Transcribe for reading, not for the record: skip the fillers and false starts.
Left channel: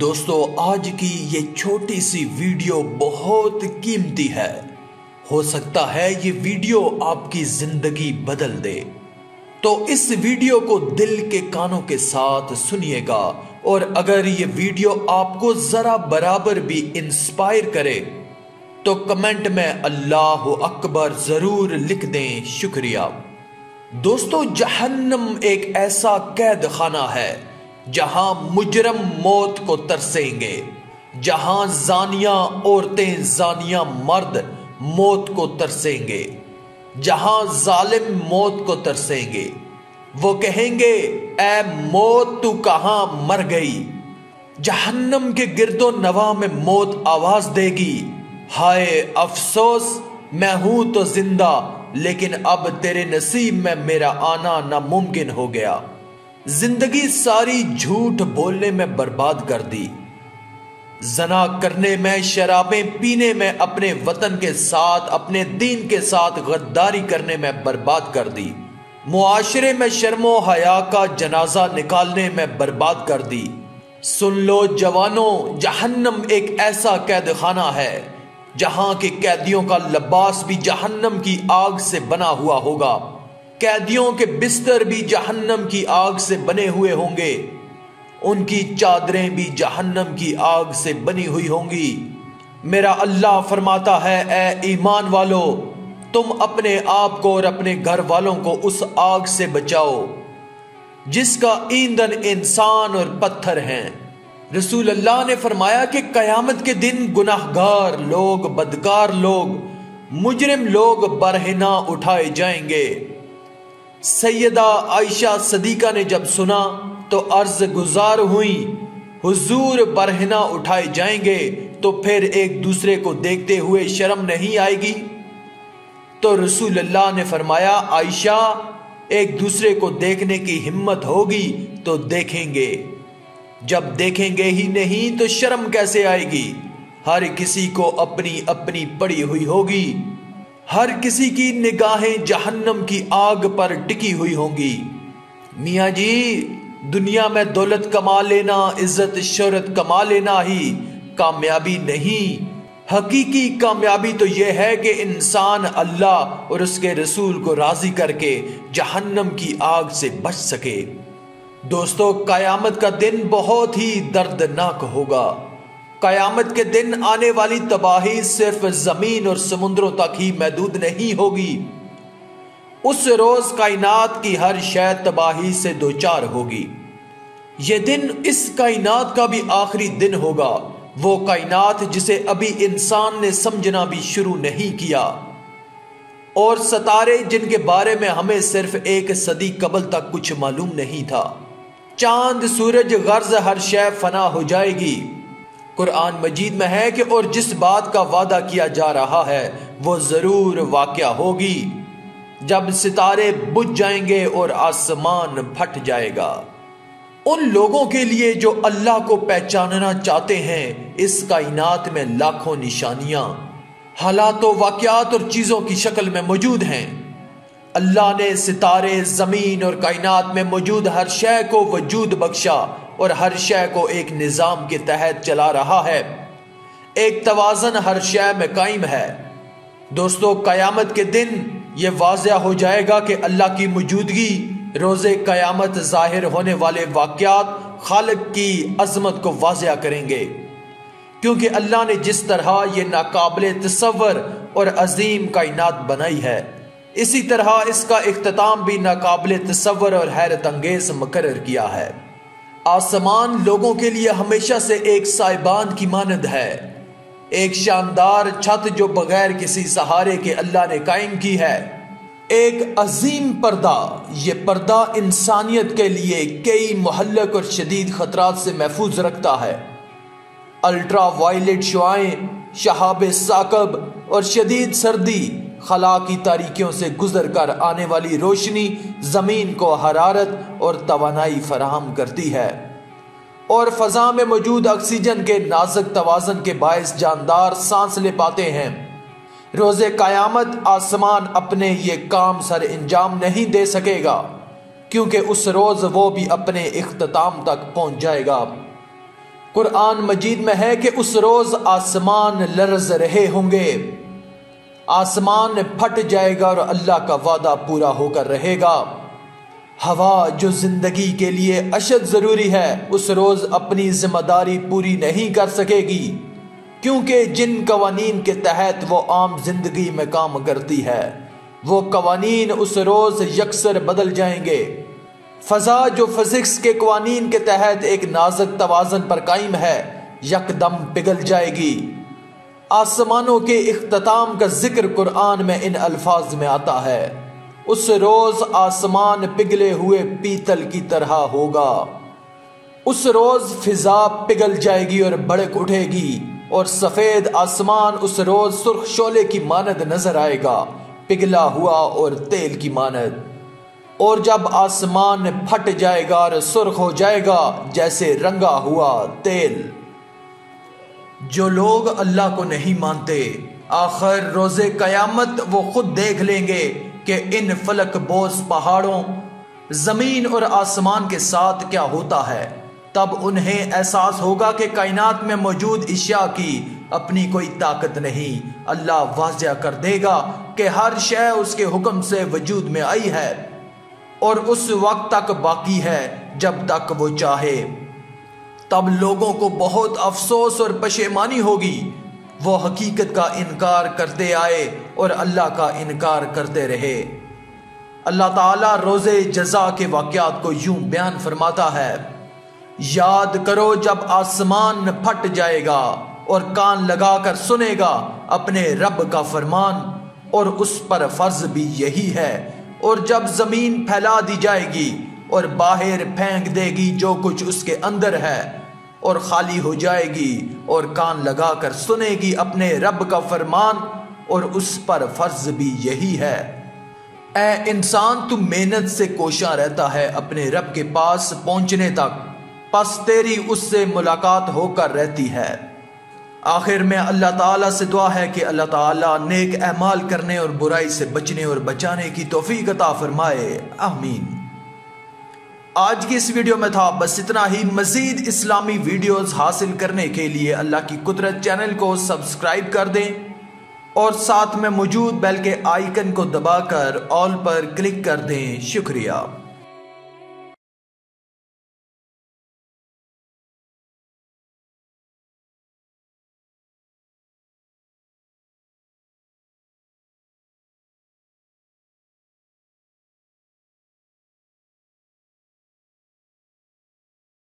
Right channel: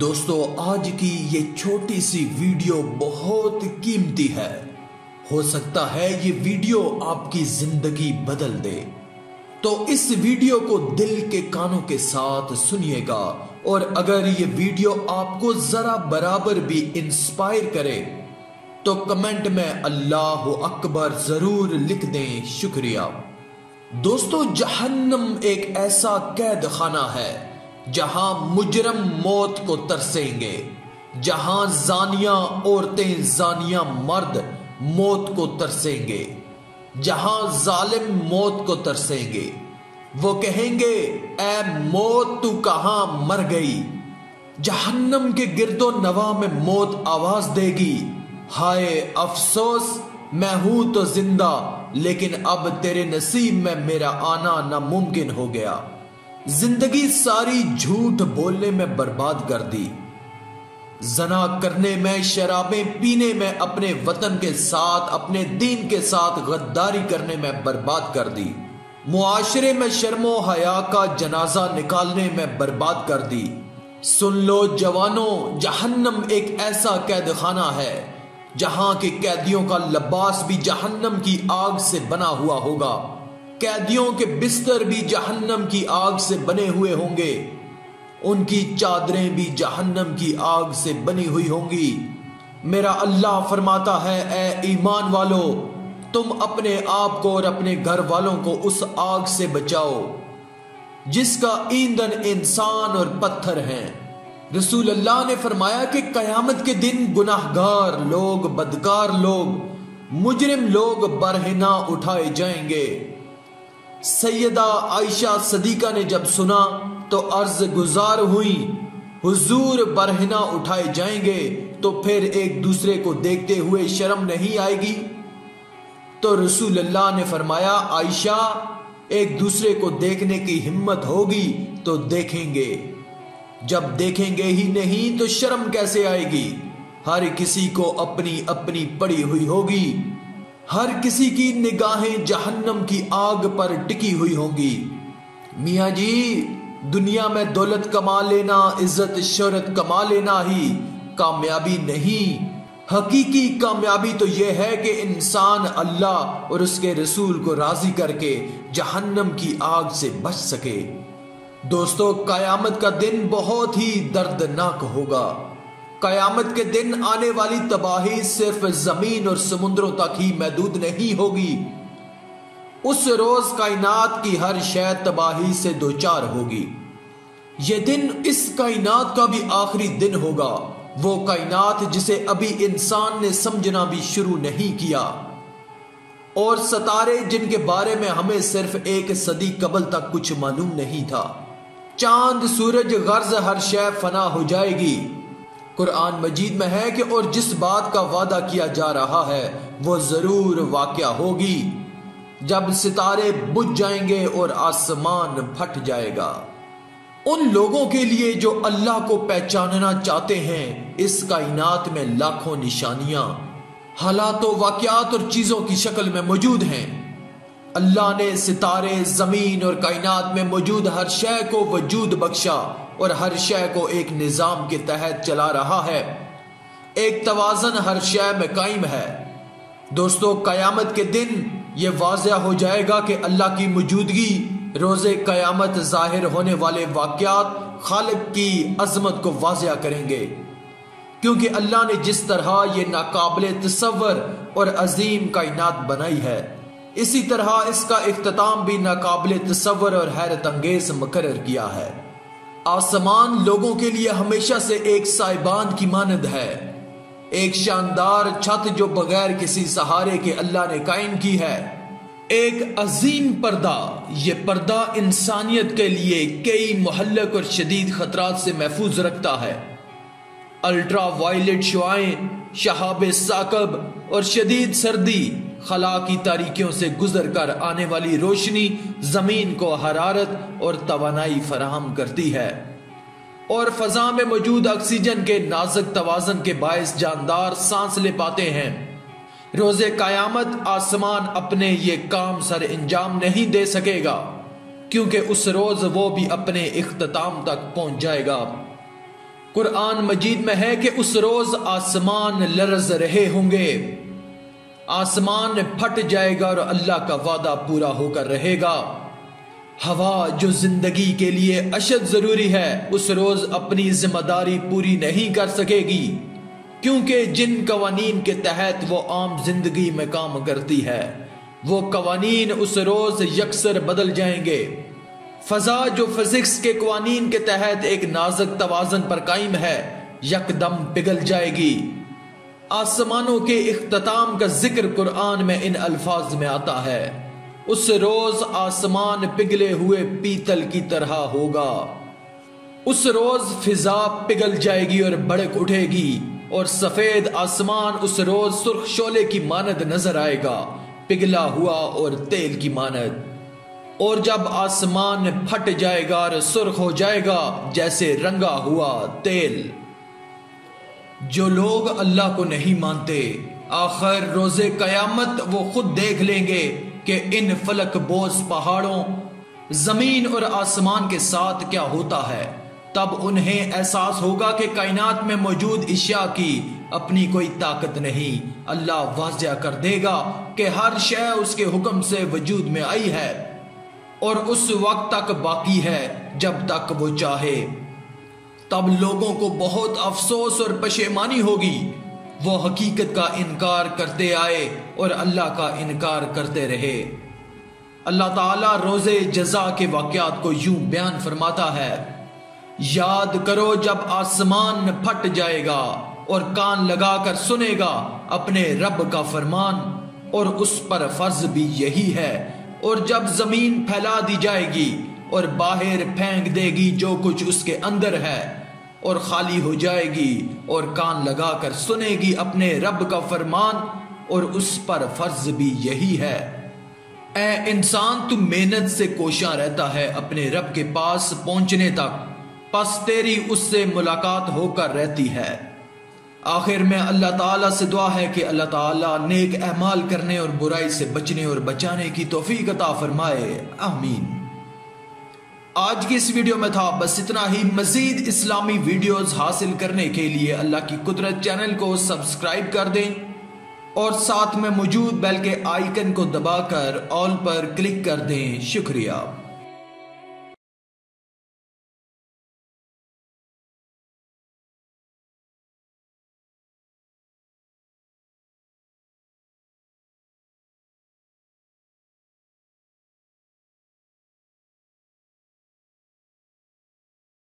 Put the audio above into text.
دوستو آج کی یہ چھوٹی سی ویڈیو بہت قیمتی ہے۔ ہو سکتا ہے یہ ویڈیو آپ کی زندگی بدل دے، تو اس ویڈیو کو دل کے کانوں کے ساتھ سنیے گا، اور اگر یہ ویڈیو آپ کو ذرا برابر بھی انسپائر کرے تو کمنٹ میں اللہ اکبر ضرور لکھ دیں۔ شکریہ۔ دوستو جہنم ایک ایسا قید خانہ ہے جہاں مجرم موت کو ترسیں گے، جہاں زانیہ عورتیں زانیہ مرد موت کو ترسیں گے، جہاں ظالم موت کو ترسیں گے۔ وہ کہیں گے اے موت تو کہاں مر گئی؟ جہنم کے گرد و نواح میں موت آواز دے گی، ہائے افسوس میں ہوں تو زندہ، لیکن اب تیرے نصیب میں میرا آنا ناممکن ہو گیا۔ زندگی ساری جھوٹ بولنے میں برباد کر دی، زنا کرنے میں، شرابیں پینے میں، اپنے وطن کے ساتھ، اپنے دین کے ساتھ غداری کرنے میں برباد کر دی، معاشرے میں شرم و حیا کا جنازہ نکالنے میں برباد کر دی۔ سن لو جوانوں، جہنم ایک ایسا قید خانہ ہے جہاں کے قیدیوں کا لباس بھی جہنم کی آگ سے بنا ہوا ہوگا، قیدیوں کے بستر بھی جہنم کی آگ سے بنے ہوئے ہوں گے، ان کی چادریں بھی جہنم کی آگ سے بنی ہوئی ہوں گی۔ میرا اللہ فرماتا ہے اے ایمان والو، تم اپنے آپ کو اور اپنے گھر والوں کو اس آگ سے بچاؤ جس کا ایندھن انسان اور پتھر ہیں۔ رسول اللہ نے فرمایا کہ قیامت کے دن گناہگار لوگ، بدکار لوگ، مجرم لوگ برہنہ اٹھائے جائیں گے۔ سیدہ عائشہ صدیقہ نے جب سنا تو عرض گزار ہوئیں، حضور برہنہ اٹھائے جائیں گے تو پھر ایک دوسرے کو دیکھتے ہوئے شرم نہیں آئے گی؟ تو رسول اللہ نے فرمایا عائشہ ایک دوسرے کو دیکھنے کی ہمت ہوگی تو دیکھیں گے، جب دیکھیں گے ہی نہیں تو شرم کیسے آئے گی؟ ہر کسی کو اپنی اپنی پڑی ہوئی ہوگی، ہر کسی کی نگاہیں جہنم کی آگ پر ٹکی ہوئی ہوں گی۔ میاں جی دنیا میں دولت کما لینا، عزت شہرت کما لینا ہی کامیابی نہیں، حقیقی کامیابی تو یہ ہے کہ انسان اللہ اور اس کے رسول کو راضی کر کے جہنم کی آگ سے بچ سکے۔ دوستو قیامت کا دن بہت ہی دردناک ہوگا۔ قیامت کے دن آنے والی تباہی صرف زمین اور سمندروں تک ہی محدود نہیں ہوگی، اس روز کائنات کی ہر شے تباہی سے دوچار ہوگی۔ یہ دن اس کائنات کا بھی آخری دن ہوگا، وہ کائنات جسے ابھی انسان نے سمجھنا بھی شروع نہیں کیا، اور ستارے جن کے بارے میں ہمیں صرف ایک صدی قبل تک کچھ معلوم نہیں تھا، چاند سورج غرض ہر شے فنا ہو جائے گی۔ قرآن مجید میں ہے کہ اور جس بات کا وعدہ کیا جا رہا ہے وہ ضرور واقعہ ہوگی، جب ستارے بجھ جائیں گے اور آسمان پھٹ جائے گا۔ ان لوگوں کے لیے جو اللہ کو پہچاننا چاہتے ہیں اس کائنات میں لاکھوں نشانیاں، حالات و واقعات اور چیزوں کی شکل میں موجود ہیں۔ اللہ نے ستارے، زمین اور کائنات میں موجود ہر شے کو وجود بخشا اور ہر شے کو ایک نظام کے تحت چلا رہا ہے، ایک توازن ہر شے میں قائم ہے۔ دوستو قیامت کے دن یہ واضح ہو جائے گا کہ اللہ کی موجودگی، روز قیامت ظاہر ہونے والے واقعات خالق کی عظمت کو واضح کریں گے، کیونکہ اللہ نے جس طرح یہ ناقابل تصور اور عظیم کائنات بنائی ہے، اسی طرح اس کا اختتام بھی ناقابل تصور اور حیرت انگیز مقرر کیا ہے۔ آسمان لوگوں کے لیے ہمیشہ سے ایک سائبان کی مانند ہے، ایک شاندار چھت جو بغیر کسی سہارے کے اللہ نے قائم کی ہے، ایک عظیم پردہ۔ یہ پردہ انسانیت کے لیے کئی مہلک اور شدید خطرات سے محفوظ رکھتا ہے۔ الٹرا وائلٹ شعاعیں، شہاب ثاقب اور شدید سردی، خلا کی تاریکیوں سے گزر کر آنے والی روشنی زمین کو حرارت اور توانائی فراہم کرتی ہے، اور فضا میں موجود آکسیجن کے نازک توازن کے باعث جاندار سانس لے پاتے ہیں۔ روز قیامت آسمان اپنے یہ کام سر انجام نہیں دے سکے گا، کیونکہ اس روز وہ بھی اپنے اختتام تک پہنچ جائے گا۔ قرآن مجید میں ہے کہ اس روز آسمان لرز رہے ہوں گے، آسمان پھٹ جائے گا اور اللہ کا وعدہ پورا ہو کر رہے گا۔ ہوا جو زندگی کے لیے اشد ضروری ہے اس روز اپنی ذمہ داری پوری نہیں کر سکے گی، کیونکہ جن قوانین کے تحت وہ عام زندگی میں کام کرتی ہے وہ قوانین اس روز یکسر بدل جائیں گے۔ فضا جو فزکس کے قوانین کے تحت ایک نازک توازن پر قائم ہے یکدم پگھل جائے گی۔ آسمانوں کے اختتام کا ذکر قرآن میں ان الفاظ میں آتا ہے، اس روز آسمان پگھلے ہوئے پیتل کی طرح ہوگا۔ اس روز فضا پگھل جائے گی اور بھڑک اٹھے گی، اور سفید آسمان اس روز سرخ شعلے کی مانند نظر آئے گا، پگھلا ہوا اور تیل کی مانند۔ اور جب آسمان پھٹ جائے گا اور سرخ ہو جائے گا جیسے رنگا ہوا تیل۔ جو لوگ اللہ کو نہیں مانتے آخر روز قیامت وہ خود دیکھ لیں گے کہ ان فلک بوز پہاڑوں، زمین اور آسمان کے ساتھ کیا ہوتا ہے۔ تب انہیں احساس ہوگا کہ کائنات میں موجود اشیاء کی اپنی کوئی طاقت نہیں۔ اللہ واضح کر دے گا کہ ہر شے اس کے حکم سے وجود میں آئی ہے اور اس وقت تک باقی ہے جب تک وہ چاہے۔ تب لوگوں کو بہت افسوس اور پشیمانی ہوگی، وہ حقیقت کا انکار کرتے آئے اور اللہ کا انکار کرتے رہے۔ اللہ تعالیٰ روز جزا کے واقعات کو یوں بیان فرماتا ہے، یاد کرو جب آسمان پھٹ جائے گا اور کان لگا کر سنے گا اپنے رب کا فرمان، اور اس پر فرض بھی یہی ہے، اور جب زمین پھیلا دی جائے گی اور باہر پھینک دے گی جو کچھ اس کے اندر ہے، اور خالی ہو جائے گی اور کان لگا کر سنے گی اپنے رب کا فرمان، اور اس پر فرض بھی یہی ہے۔ اے انسان تو محنت سے کوشاں رہتا ہے اپنے رب کے پاس پہنچنے تک، پس تیری اس سے ملاقات ہو کر رہتی ہے۔ آخر میں اللہ تعالیٰ سے دعا ہے کہ اللہ تعالیٰ نیک اعمال کرنے اور برائی سے بچنے اور بچانے کی توفیق عطا فرمائے، آمین۔ آج کی اس ویڈیو میں تھا بس اتنا ہی۔ مزید اسلامی ویڈیوز حاصل کرنے کے لیے اللہ کی قدرت چینل کو سبسکرائب کر دیں اور ساتھ میں موجود بیل کے آئیکن کو دبا کر آل پر کلک کر دیں۔ شکریہ۔